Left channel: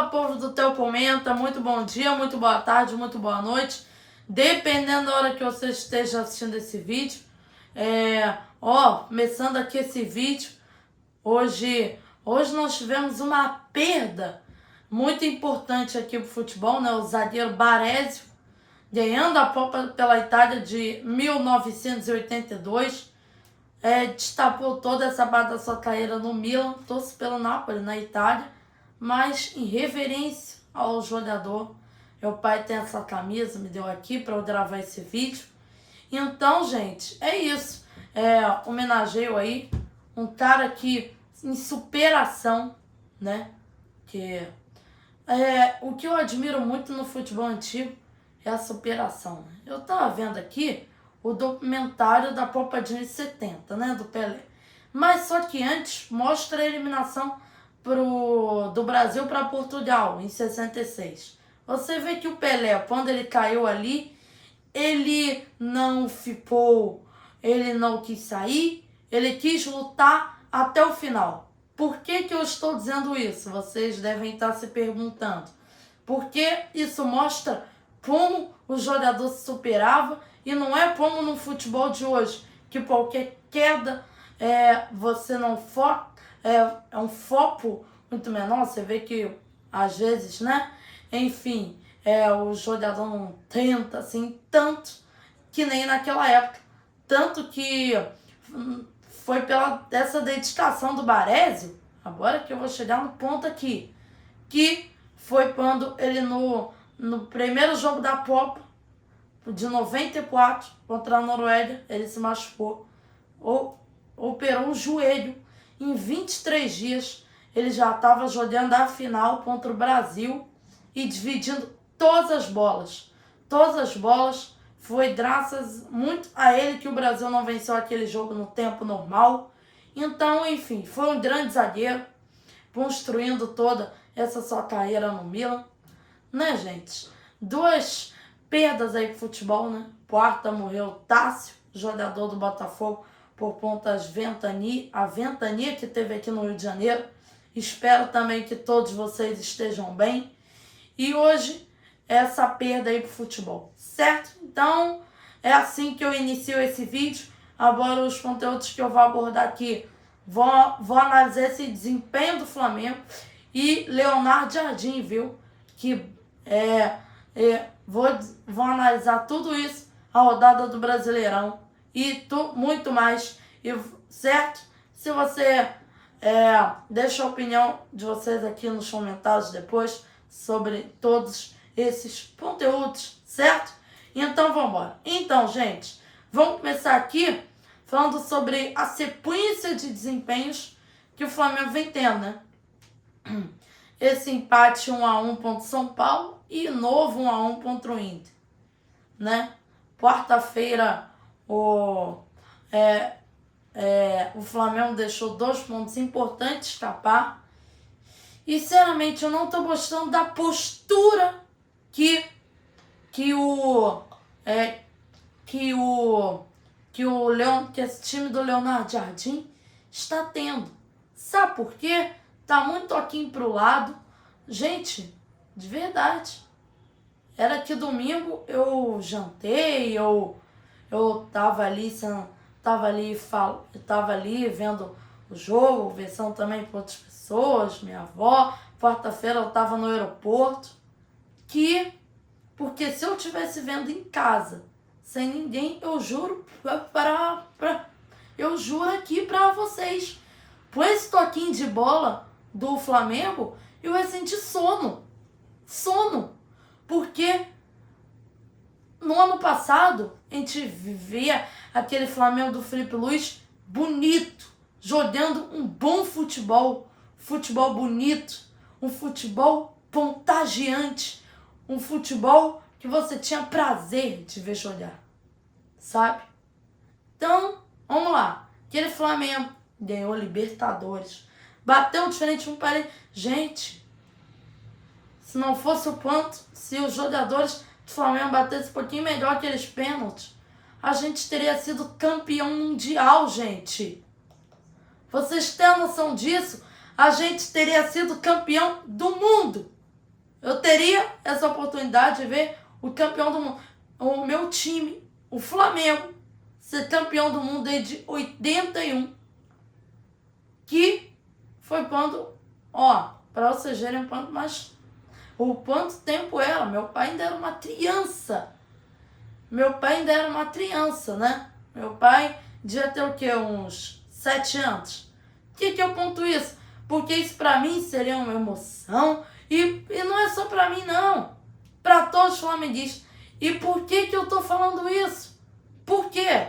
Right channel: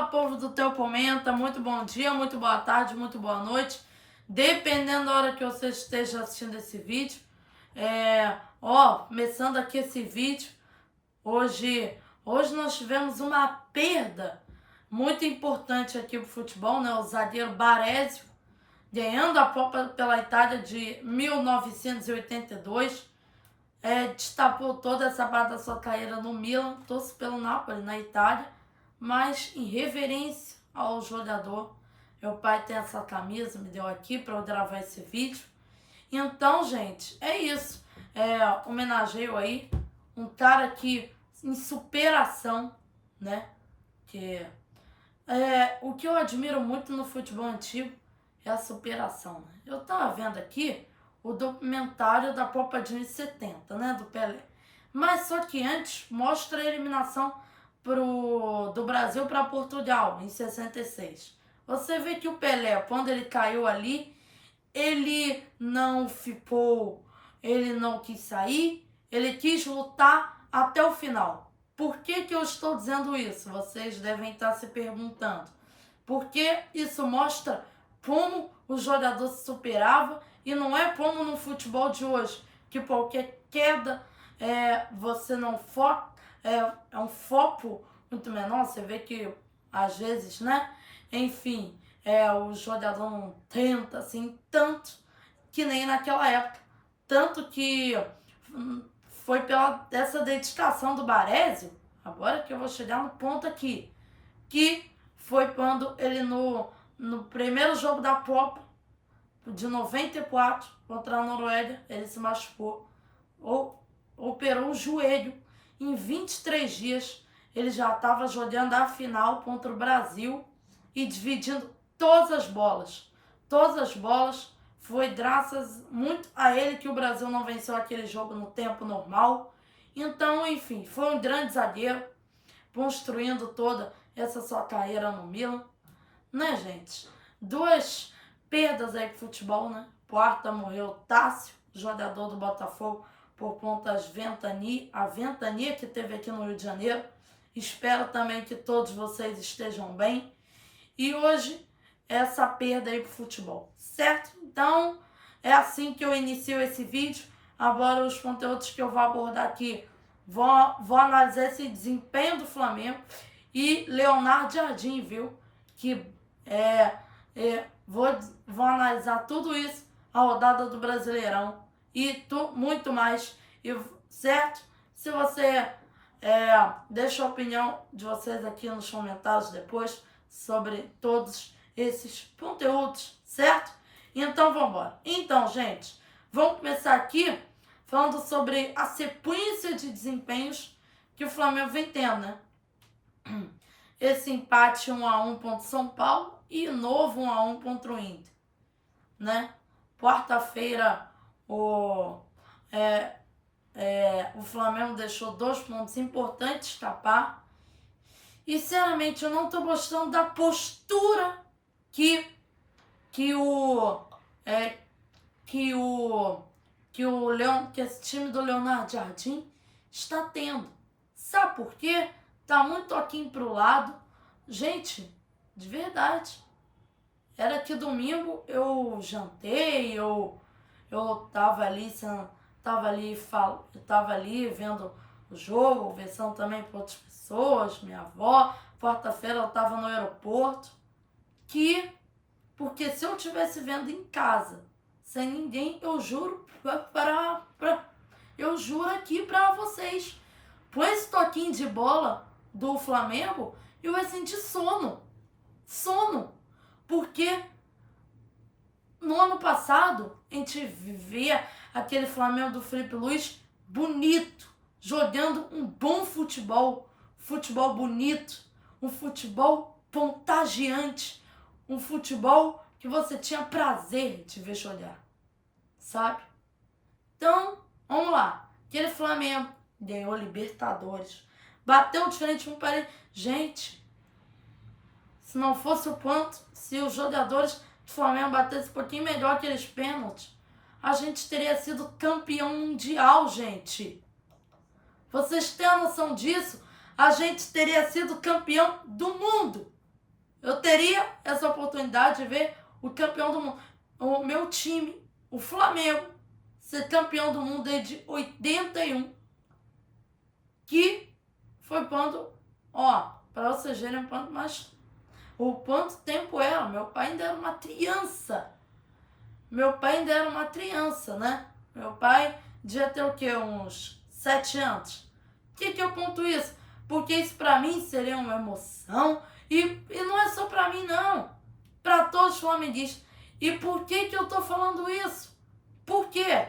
Fala, povo do Teu Comenta, muito bom dia, muito boa tarde, muito boa noite, dependendo da hora que você esteja assistindo esse vídeo. Começando aqui esse vídeo, hoje nós tivemos uma perda muito importante aqui pro futebol, né? O zagueiro Baresi, ganhando a Copa pela Itália de 1982, destapou toda essa parte da sua carreira no Milan, torce pelo Napoli, na Itália, mas em reverência ao jogador, meu pai tem essa camisa, me deu aqui para eu gravar esse vídeo. Então, gente, é isso. Homenageio aí um cara que em superação, né? O que eu admiro muito no futebol antigo é a superação. Eu tava vendo aqui o documentário da Copa de 70, né, do Pelé. Mas só que antes mostra a eliminação do Brasil para Portugal em 66. Você vê que o Pelé, quando ele caiu ali, ele não quis sair, ele quis lutar até o final. Por que eu estou dizendo isso? Vocês devem estar se perguntando. Porque isso mostra como o jogador se superava e não é como no futebol de hoje, que qualquer queda você não foca, é um foco muito menor. Você vê que às vezes, né? Enfim, o jogador não tenta assim tanto que nem naquela época. Tanto que foi pela essa dedicação do Baresi, agora que eu vou chegar no ponto aqui, que foi quando ele no primeiro jogo da Copa de 94 contra a Noruega, ele se machucou, operou o joelho. Em 23 dias ele já estava jogando a final contra o Brasil e dividindo todas as bolas. Todas as bolas. Foi graças muito a ele que o Brasil não venceu aquele jogo no tempo normal. Então, enfim, foi um grande zagueiro, construindo toda essa sua carreira no Milan, né, gente? Duas perdas aí pro futebol, né? Quarta, morreu Tássio, jogador do Botafogo, por conta das a ventania que teve aqui no Rio de Janeiro. Espero também que todos vocês estejam bem. E hoje, essa perda aí pro futebol, certo? Então, é assim que eu inicio esse vídeo. Agora, os conteúdos que eu vou abordar aqui, vou analisar esse desempenho do Flamengo e Leonardo Jardim, viu? Vou analisar tudo isso, a rodada do Brasileirão e muito mais, certo? Se você deixa a opinião de vocês aqui nos comentários depois sobre todos esses conteúdos, certo? Então vamos embora. Então, gente, vamos começar aqui falando sobre a sequência de desempenhos que o Flamengo vem tendo, né? Esse empate 1-1 contra o São Paulo e novo 1-1 contra o Inter, né? Quarta-feira o Flamengo deixou 2 pontos importantes escapar. E, sinceramente, eu não tô gostando da postura que esse time do Leonardo Jardim está tendo. Sabe por quê? Tá muito aqui pro lado. Gente, de verdade. Era que domingo eu jantei, eu tava ali vendo o jogo, conversando também com outras pessoas, minha avó. Quarta-feira eu tava no aeroporto. Porque se eu estivesse vendo em casa, sem ninguém, eu juro aqui pra vocês, por esse toquinho de bola do Flamengo, eu ia sentir sono. Porque no ano passado, a gente vivia aquele Flamengo do Felipe Luiz bonito, jogando um bom futebol bonito, um futebol contagiante, um futebol que você tinha prazer de ver jogar, sabe? Então, vamos lá. Aquele Flamengo ganhou Libertadores, bateu diferente um parede. Gente, se não fosse o quanto, se os jogadores do Flamengo batessem um pouquinho melhor aqueles pênaltis, a gente teria sido campeão mundial, gente. Vocês têm a noção disso? A gente teria sido campeão do mundo. Eu teria essa oportunidade de ver o campeão do mundo, o meu time, o Flamengo, ser campeão do mundo desde 81, que foi quando, para vocês verem o quanto tempo era. Meu pai ainda era uma criança. Né? Meu pai devia ter o quê? Uns 7 anos. Por que eu conto isso? Porque isso pra mim seria uma emoção. E não é só pra mim, não. Pra todos os flamenguistas. E por que eu tô falando isso? Por quê?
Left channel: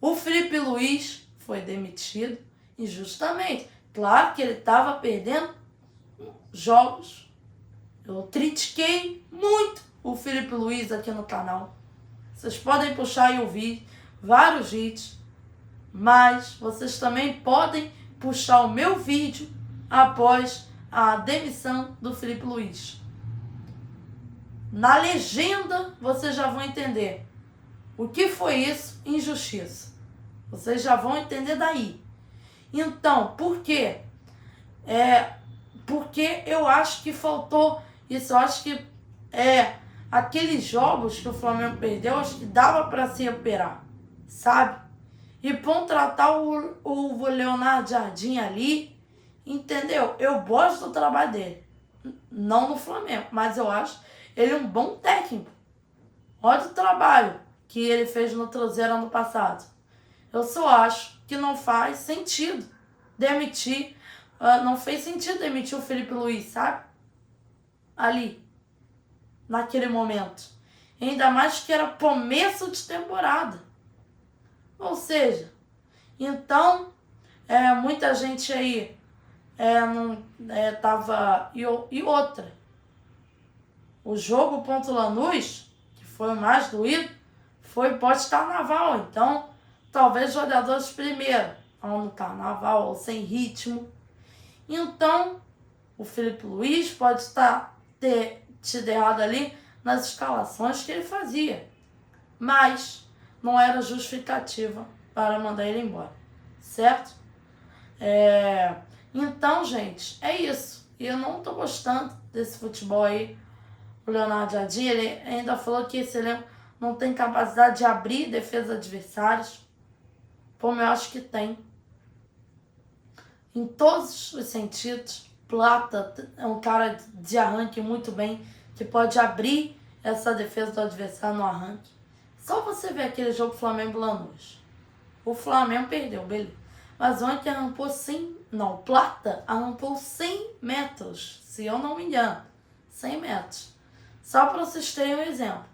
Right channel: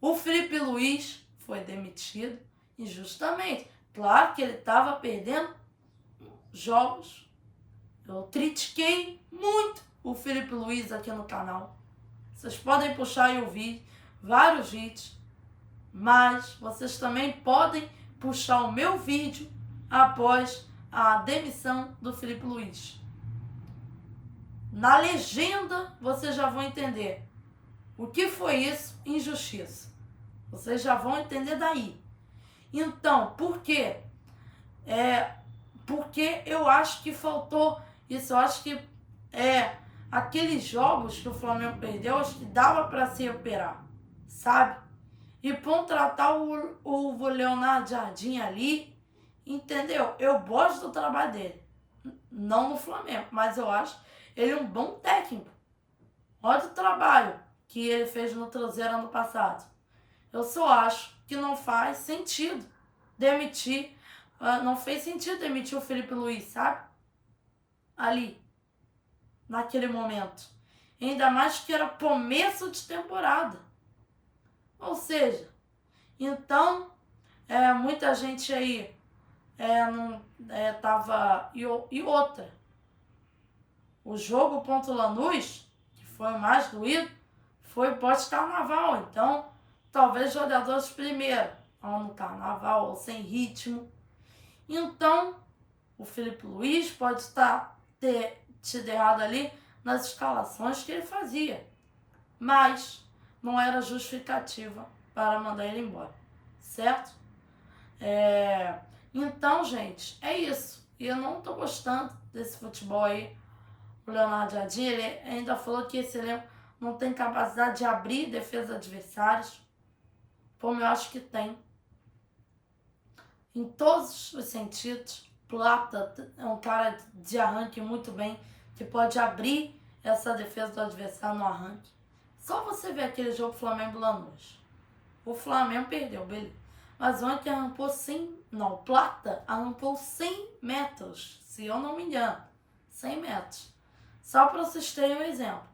O Felipe Luiz foi demitido injustamente. Claro que ele estava perdendo jogos. Eu critiquei muito o Felipe Luiz aqui no canal. Vocês podem puxar e ouvir vários vídeos. Mas vocês também podem puxar o meu vídeo após a demissão do Felipe Luiz. Na legenda vocês já vão entender o que foi isso, injustiça. Vocês já vão entender daí. Então, por quê? Porque eu acho que faltou isso. Eu acho que aqueles jogos que o Flamengo perdeu, acho que dava para se recuperar, sabe? E contratar o Leonardo Jardim ali, entendeu? Eu gosto do trabalho dele. Não no Flamengo, mas eu acho ele um bom técnico. Olha o trabalho que ele fez no Cruzeiro ano passado. Eu só acho que não faz sentido demitir. Não fez sentido demitir o Felipe Luiz, sabe? Ali, naquele momento. Ainda mais que era começo de temporada. Ou seja, então, muita gente aí não tava... E outra, o jogo contra o Lanús, que foi o mais doído, foi pós-carnaval. Então, talvez jogadores primeiro, ou no carnaval, ou sem ritmo. Então, o Felipe Luiz pode ter tido errado ali nas escalações que ele fazia. Mas não era justificativa para mandar ele embora. Certo? Então, gente, é isso. E eu não tô gostando desse futebol aí. O Leonardo Jardim, ele ainda falou que esse elenco não tem capacidade de abrir defesa adversários. Como eu acho que tem. Em todos os sentidos. Plata é um cara de arranque muito bem, que pode abrir essa defesa do adversário no arranque. Só você ver aquele jogo Flamengo-Lanús. O Flamengo perdeu, beleza. Mas ontem arrancou Plata arrancou 100 metros, se eu não me engano. 100 metros. Só para vocês terem um exemplo.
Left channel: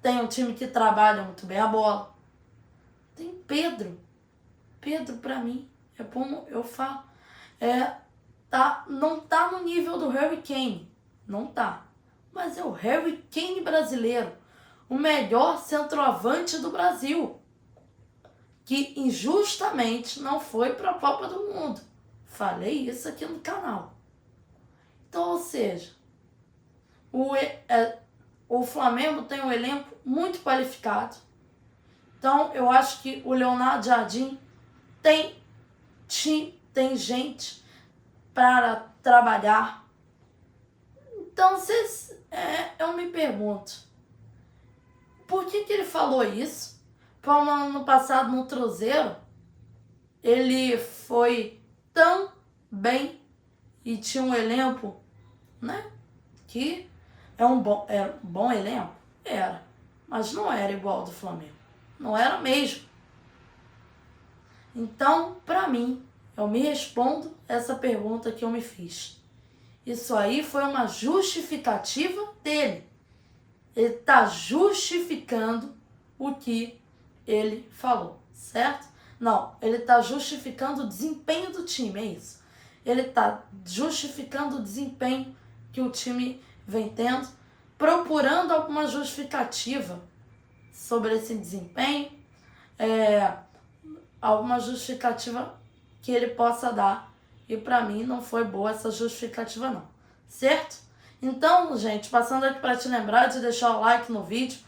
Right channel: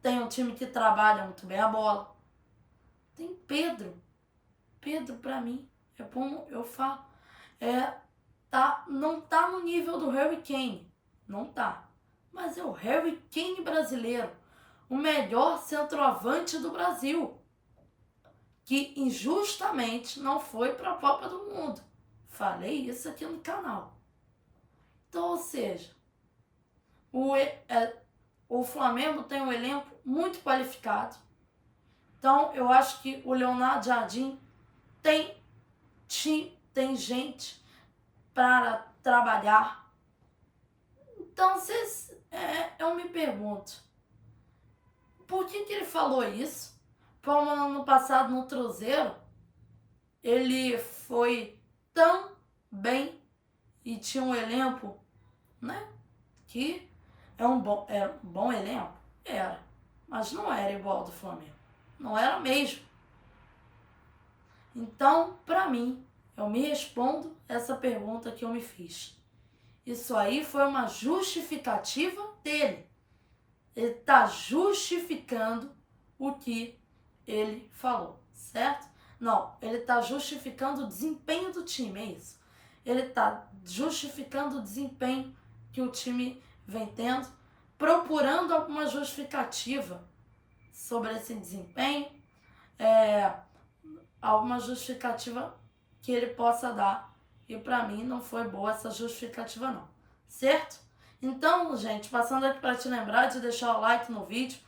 Tem um time que trabalha muito bem a bola. Tem Pedro. Pedro, pra mim, é como eu falo. Não tá no nível do Harry Kane. Não tá. Mas é o Harry Kane brasileiro. O melhor centroavante do Brasil. Que injustamente não foi para a Copa do Mundo. Falei isso aqui no canal. Então, ou seja, o Flamengo tem um elenco muito qualificado. Então, eu acho que o Leonardo Jardim tem gente para trabalhar. Então, eu me pergunto, por que ele falou isso? Como ano passado no Cruzeiro, ele foi tão bem e tinha um elenco, né? Que era um bom elenco? Era. Mas não era igual ao do Flamengo. Não era mesmo. Então, pra mim, eu me respondo essa pergunta que eu me fiz. Isso aí foi uma justificativa dele. Ele tá justificando o que ele falou, certo? Não, ele tá justificando o desempenho do time, é isso. Ele tá justificando o desempenho que o time vem tendo, procurando alguma justificativa sobre esse desempenho, alguma justificativa que ele possa dar. E pra mim não foi boa essa justificativa não, certo? Então, gente, passando aqui para te lembrar de deixar o like no vídeo,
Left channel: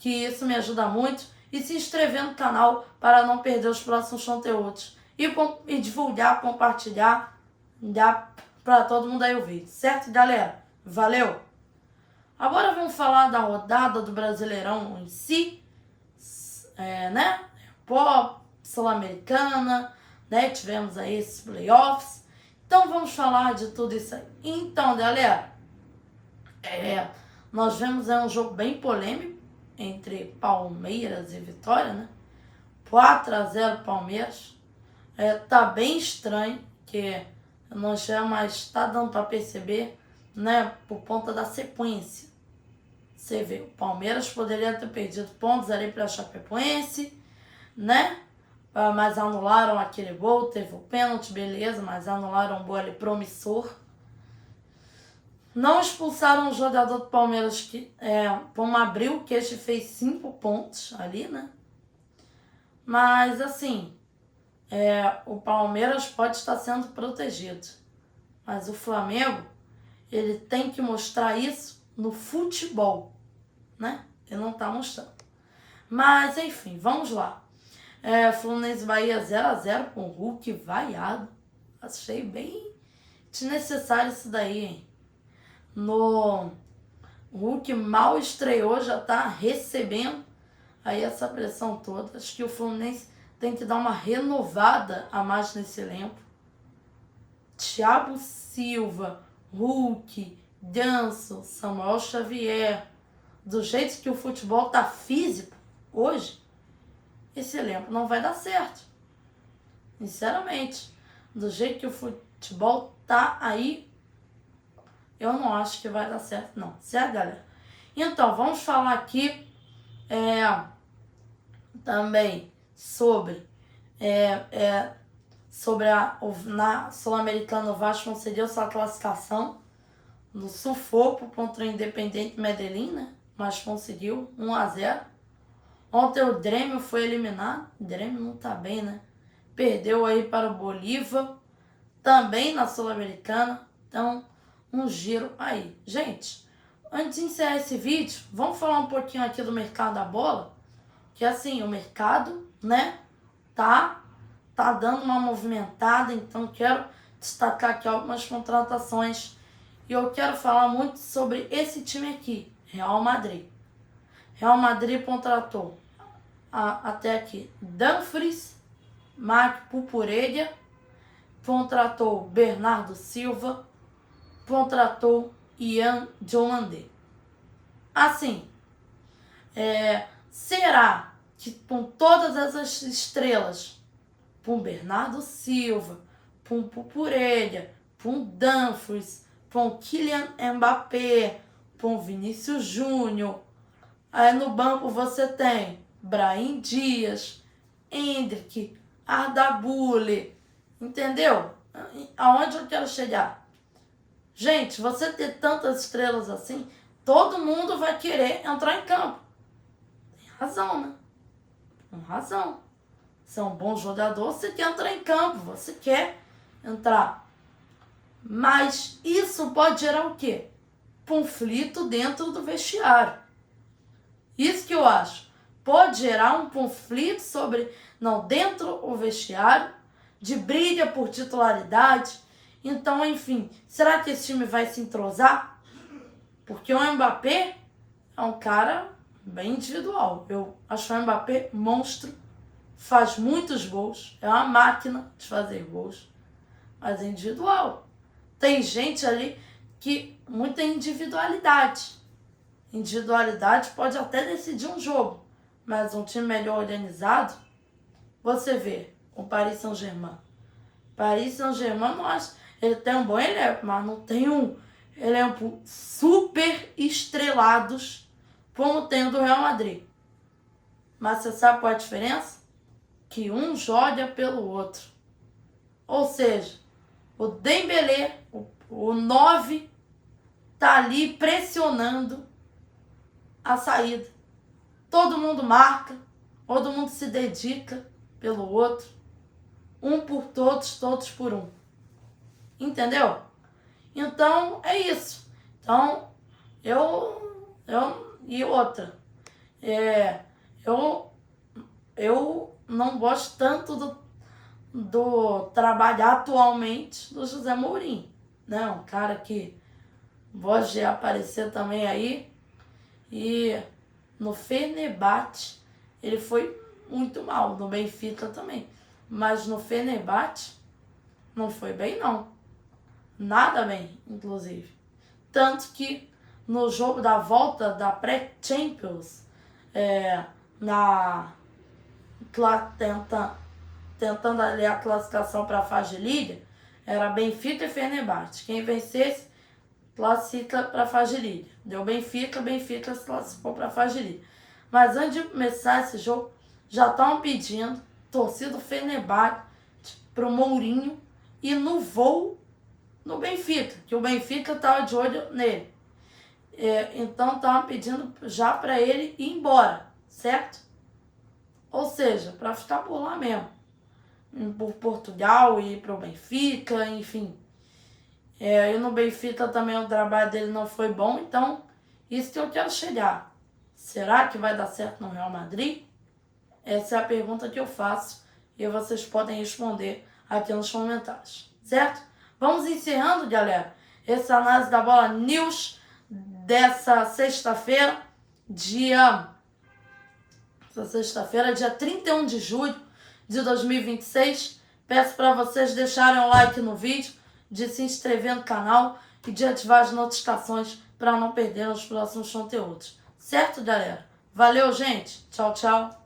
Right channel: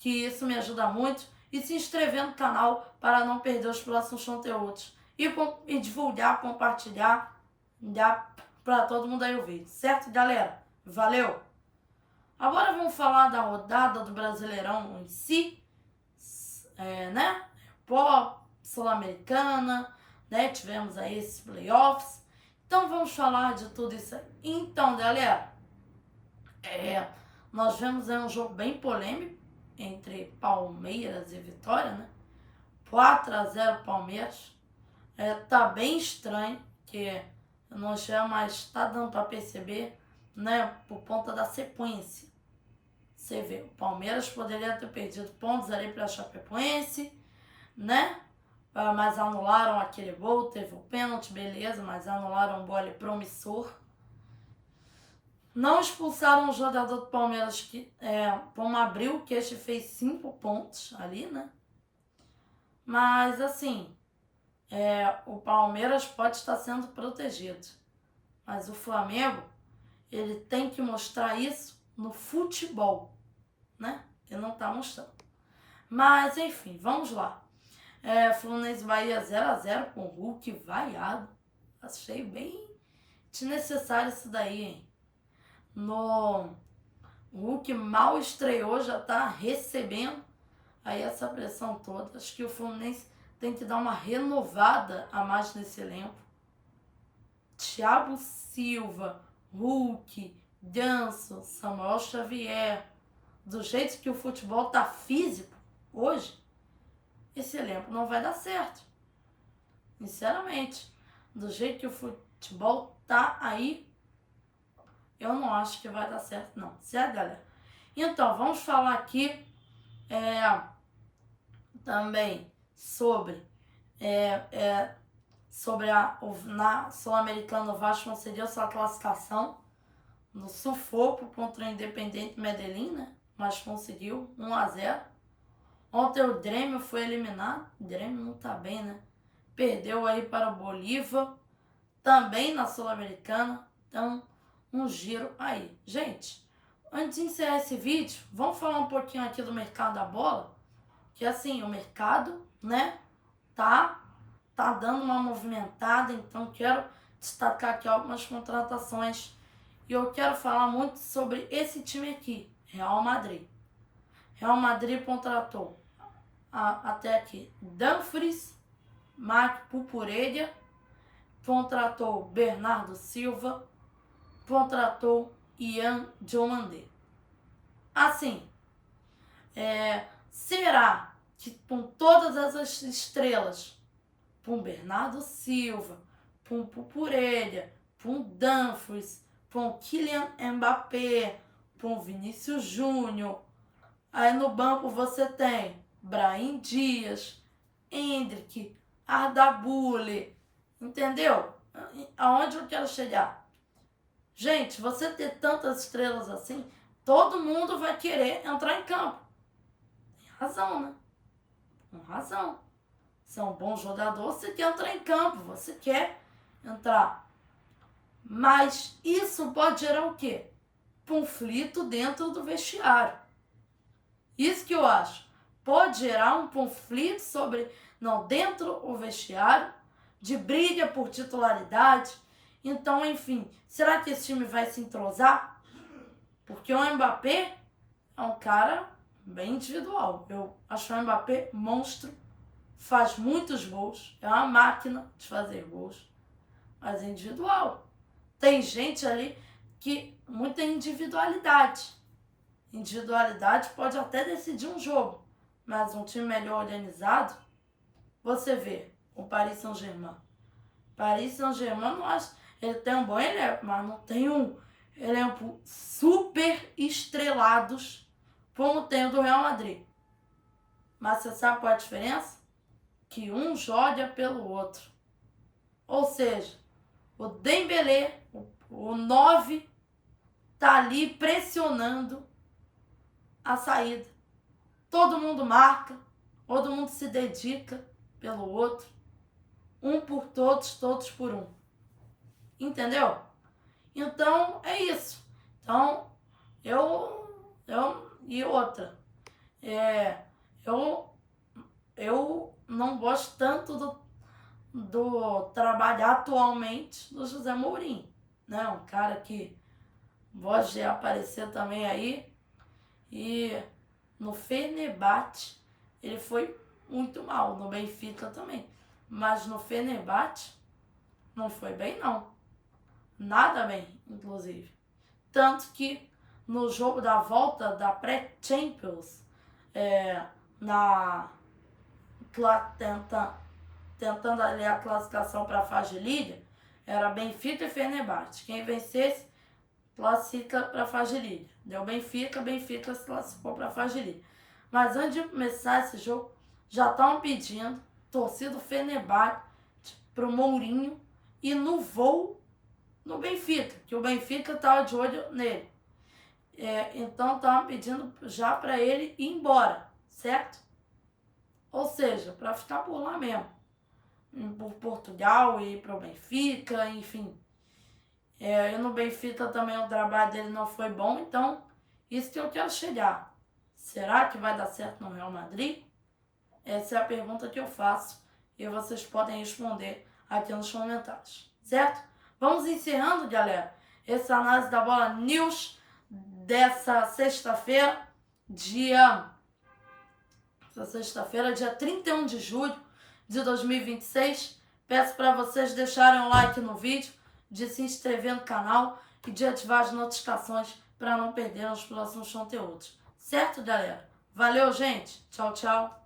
que isso me ajuda muito, e se inscrever no canal para não perder os próximos conteúdos. E divulgar, compartilhar, dar para todo mundo aí o vídeo, certo, galera? Valeu! Agora vamos falar da rodada do Brasileirão em si, né? Pó, Sul-Americana, né? Tivemos aí esses playoffs. Então vamos falar de tudo isso aí. Então, galera, nós vemos um jogo bem polêmico entre Palmeiras e Vitória, né? 4-0 Palmeiras. Tá bem estranho, que não chama, mas tá dando para perceber, né? Por conta da sequência. Você vê, o Palmeiras poderia ter perdido pontos ali para a Chapecoense, né? Mas anularam aquele gol, teve o pênalti, beleza, mas anularam um gol ali promissor. Não expulsaram o jogador do Palmeiras, que como abriu, que este fez 5 pontos ali, né? Mas assim, o Palmeiras pode estar sendo protegido. Mas o Flamengo, ele tem que mostrar isso no futebol, né? Ele não tá mostrando. Mas enfim, vamos lá. Fluminense Bahia 0-0 com o Hulk vaiado. Achei bem desnecessário isso daí, hein? O Hulk mal estreou, já tá recebendo aí essa pressão toda. Acho que o Fluminense tem que dar uma renovada a mais nesse elenco. Thiago Silva, Hulk, Ganso, Samuel Xavier. Do jeito que o futebol tá físico hoje, esse elenco não vai dar certo. Sinceramente, do jeito que o futebol tá aí, eu não acho que vai dar certo, não. Certo, galera? Então, vamos falar aqui também sobre na Sul-Americana. O Vasco conseguiu sua classificação no sufoco contra o Independente Medellín, né? Mas conseguiu 1-0. Ontem o Grêmio foi eliminado. O Grêmio não tá bem, né? Perdeu aí para o Bolívar, também na Sul-Americana. Então, um giro aí. Gente, antes de encerrar esse vídeo, vamos falar um pouquinho aqui do mercado da bola. Que assim, o mercado, né, tá dando uma movimentada. Então, quero destacar aqui algumas contratações. E eu quero falar muito sobre esse time aqui, Real Madrid. Real Madrid contratou até aqui Dumfries, Marc Cucurella, contratou Bernardo Silva, contratou Ian Diomandé. Assim, será que com todas essas estrelas, com Bernardo Silva, com Cucurella, com Dumfries, com Kylian Mbappé, com Vinícius Júnior, aí no banco você tem Brahim Dias, Endrick, Arda Güler, entendeu? Aonde eu quero chegar? Gente, você ter tantas estrelas assim, todo mundo vai querer entrar em campo. Tem razão, né? Com razão. Você é um bom jogador, você quer entrar em campo, você quer entrar. Mas isso pode gerar o quê? Conflito dentro do vestiário. Isso que eu acho. Pode gerar um conflito dentro do vestiário, de briga por titularidade. Então, enfim, será que esse time vai se entrosar? Porque o Mbappé é um cara bem individual. Eu acho o Mbappé monstro, faz muitos gols, é uma máquina de fazer gols, mas é individual. Tem gente ali que muita individualidade. Individualidade pode até decidir um jogo, mas um time melhor organizado, você vê o Paris Saint-Germain. Paris Saint-Germain, ele tem um bom elenco, mas não tem um elenco super estrelados como tem o do Real Madrid. Mas você sabe qual é a diferença? Que um joga pelo outro. Ou seja, o Dembélé, o 9, tá ali pressionando a saída. Todo mundo marca, todo mundo se dedica pelo outro. Um por todos, todos por um. Entendeu? Então, é isso. Então, e outra. Eu não gosto tanto do trabalho atualmente do José Mourinho, né? Um cara que Pode aparecer também aí. E no Fenerbahçe ele foi muito mal, no Benfica também. Mas no Fenerbahçe não foi bem não. Nada bem, inclusive. Tanto que no jogo da volta da pré-Champions, tentando ali a classificação para a fase de Liga, era Benfica e Fenerbahçe. Quem vencesse, classifica para a fase de Liga. Deu Benfica se classificou para a fase de Liga. Mas antes de começar esse jogo, já estavam pedindo torcida do Fenerbahçe para o Mourinho e no voo no Benfica, que o Benfica estava de olho nele. Então estavam pedindo já para ele ir embora, certo? Ou seja, para ficar por lá mesmo. Por Portugal e para o Benfica, enfim. E no Benfica também o trabalho dele não foi bom, então isso que eu quero chegar. Será que vai dar certo no Real Madrid? Essa é a pergunta que eu faço e vocês podem responder aqui nos comentários, certo? Vamos encerrando, galera, essa análise da Bola News dessa sexta-feira, dia 31 de julho de 2026. Peço para vocês deixarem um like no vídeo, de se inscrever no canal e de ativar as notificações para não perder os próximos conteúdos. Certo, galera? Valeu, gente. Tchau, tchau.